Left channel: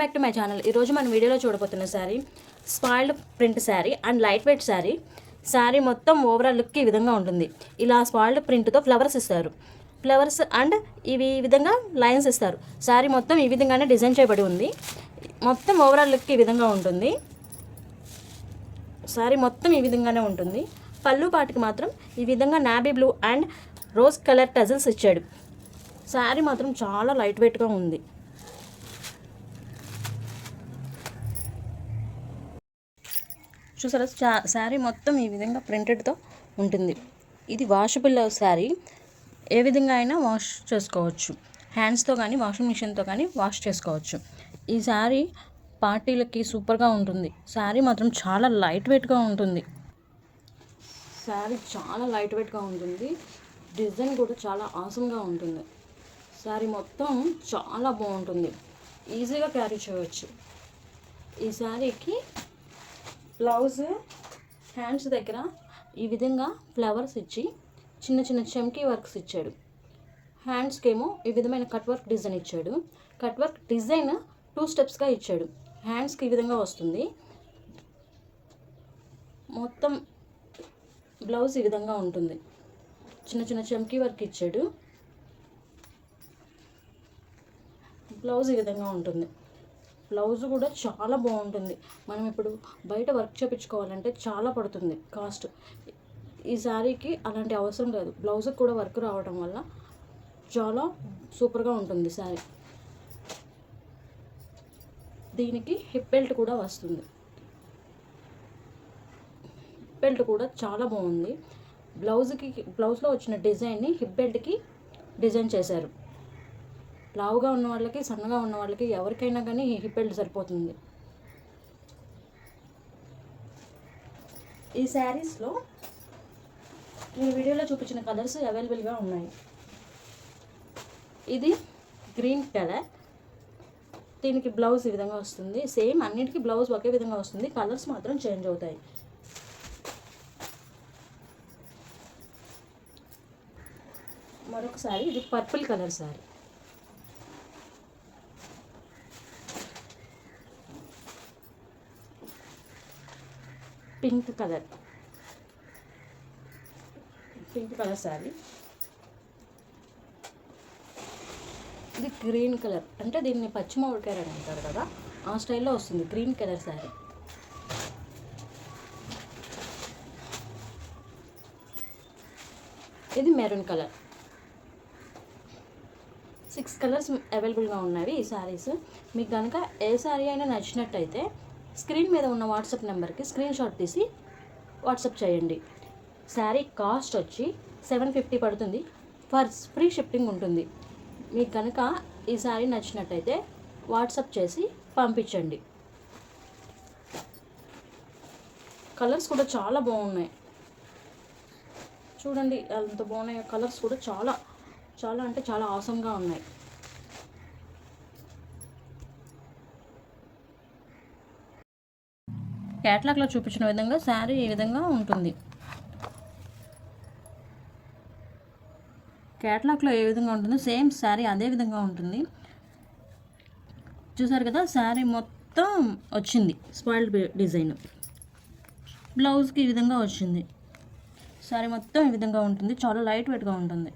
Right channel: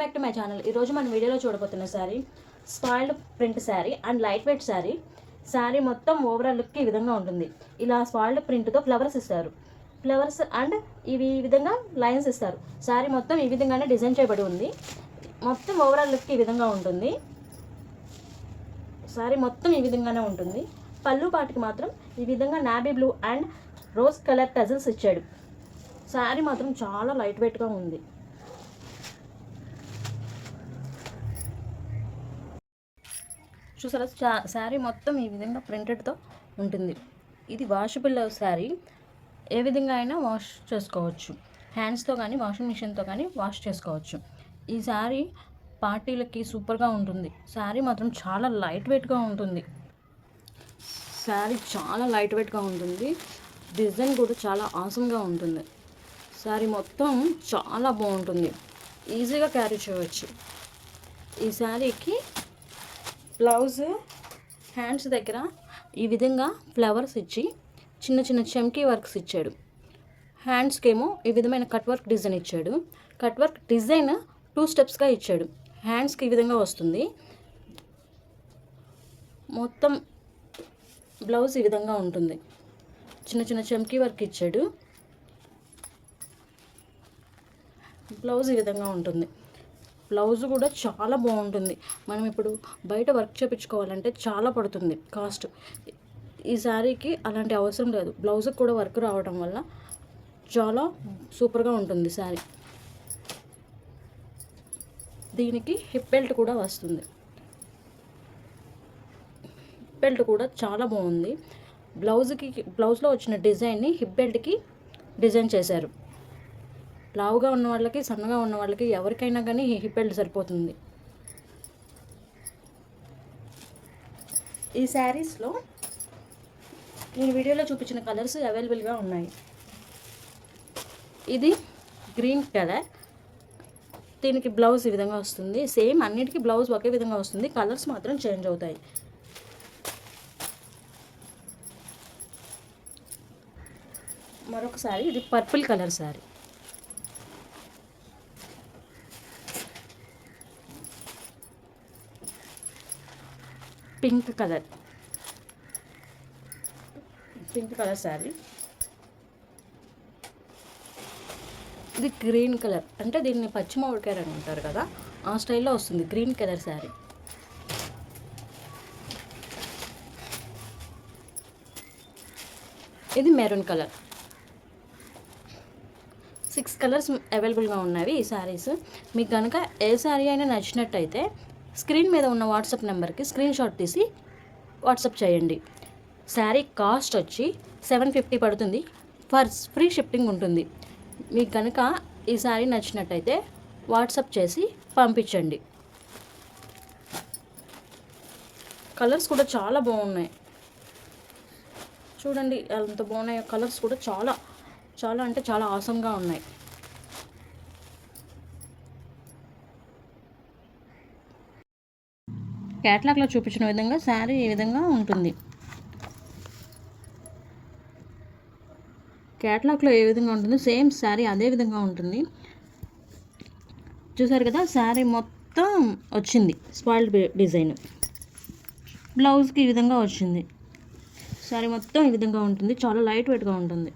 Back to my channel. ఈరోజు మన వీడియోలో చూడబోతున్న sari spoiled print sari and light weight sari. Sari మొత్తం ఓవరాల్ లుక్ ఈ విధంగా ఉంటుంది. ఇలా స్పాయిల్డ్ ప్రింట్తో ఫ్లవర్స్ ఇస్తారు. ఫ్లవర్స్ అండ్ ఇవి ఈ విధంగా లైన్స్ ఇస్తారు. శారీ మొత్తం ఈ విధంగానే డిజైన్ చేయబడి ఉంది. మొత్తం ఓవరాల్ లుక్ ఈ విధంగా ఉంటుంది. శారీ మొత్తం ఈ విధంగానే ఉంటుంది. పళ్ళు పాటికి మాత్రం ఈ విధంగా నాబీ blue and rose colour tassels ఇచ్చాడు. శారీ మాత్రం చాలా లైట్ వెయిట్గా ఉంది. చూసారా, శారీ మొత్తం ఈ విధంగా ప్రింటెడ్తో ఉంటుంది. ఇది వాషబుల్ శారీ. ఏ విధంగా అయినా వాష్ చేసుకోవచ్చు. హ్యాండ్స్తో కానీ వాషింగ్ మిషన్తో కానీ వాష్ చేసుకోవచ్చు. ఈ శారీ పార్టీలకి సూపర్గా ఉంటుంది. శారీ మాత్రం చాలా లైట్ వెయిట్గా ఉంటుంది. శారీ చాలా లైట్ వెయిట్గా ఉంటుంది. డిజైన్ కూడా చాలా ఆసంగా ఉంటుంది. శారీ మొత్తం చాలా బాగుంటుంది. ఈజీగా క్యారీ చేయవచ్చు. ఈ శారీకి బ్లౌజ్ హ్యాండ్స్ దగ్గర ఈ విధంగా ఫ్లవర్స్ ఇచ్చి చిన్న చిన్న చమ్కీ వర్క్స్ ఇచ్చాడు. హ్యాండ్స్కి ఏమో ఈ విధమైన కట్ వర్క్ డిజైన్ ఇచ్చాడు. కట్ వర్క్ డిజైన్ 2 స్టెప్స్గా ఇచ్చాడు. హ్యాండ్స్కి ఈ విధంగా వస్తుంది. మొత్తం బ్లౌజ్ ఈ విధంగా ఉంటుంది. చిన్న చిన్న చమ్కీ వర్క్ ఇచ్చాడు. బ్లౌజ్ ఈ విధంగా ఉంటుంది. బ్లౌజ్ కూడా చాలా బాగుంటుంది. మనం ఇప్పుడు బయట వర్క్ చేయించుకోవాలంటే చాలా పడుతుంది కాస్ట్. ఈ శారీకి అలాంటి అవసరం లేదు. బ్లౌజ్కి కూడా వర్క్ రావడం వల్ల చాలా సూపర్గా ఉంటుంది శారీ. దీనికి హిప్ బెల్ట్ కూడా వస్తుంది. హిప్ బెల్ట్ కూడా చాలా బాగుంది. బ్లౌజ్లో వచ్చిన డిజైన్ని హిప్ బెల్ట్కి డిజైన్ చేశారు. లావుగా ఉన్న వాళ్ళకి, సన్నగా ఉన్న వాళ్ళకి ఎవరికైనా కానీ హిప్ బెల్ట్ సరిపోతుంది. ఈ శారీస్లో నేను వీడియోలో చూపించిన కలర్స్ అవైలబుల్గా ఉన్నాయి. ఇది గ్రీన్ కలర్. దీనికి బ్లౌజ్ ఈ విధంగా వస్తుంది. సేమ్ అన్నిటికీ బ్లౌజ్ ఒకే విధంగా వస్తుంది. కలర్స్ మాత్రం చేంజ్ అవుతాయి. మరొక శారీ, ఇది purple colour sari. Pink colour sari. ఇది గ్రీన్ కలర్, అంటే దీన్ని పచ్చిమామిడికాయ అని అంటారు కదా, ఆ స్టైల్లో వస్తుంది. Green colour sari. ఇది మెరూన్ కలర్. 6 కలర్స్ అవైలబుల్గా ఉన్నవి ఈ శారీస్. మీకు కనుక ఏ శారీ అయినా నచ్చినట్టయితే స్క్రీన్ మీద ఉన్న వాట్సాప్ నెంబర్కి స్క్రీన్ షాట్ తీసి వాట్సాప్ చేయండి. శారీ కాస్ట్ వచ్చి 750 పడుతుంది. ఫ్రీ షిప్పింగ్ ఉంటుంది. మీకు కనుక ఈ శారీ నచ్చినట్టయితే వాట్సాప్ చేసి పంపించండి. కలర్స్ కూడా చాలా బాగున్నాయి. చూడండి ఎంత బాగున్నాయి. కలర్స్ కూడా చాలా చాలా అంటే చాలా ఆసంగా ఉన్నాయి. క్యాట్లాగ్లో చూపించిన విధంగా శారీ ఈ విధంగా ఉంటుంది. క్యాట్లాగ్లో ఏ విధంగా ఉంటుందో సేమ్ శారీ అదే విధంగా ఉంటుంది. చూసారు కదా, శారీ మొత్తం వచ్చింది స్పాయిల్డ్ డిజైన్. బ్లౌజ్కి ఈ విధంగా వచ్చింది. శారీ మొత్తం ఈ విధంగా ఉంటుంది. చాలా లైట్ వెయిట్గా ఉంటుంది.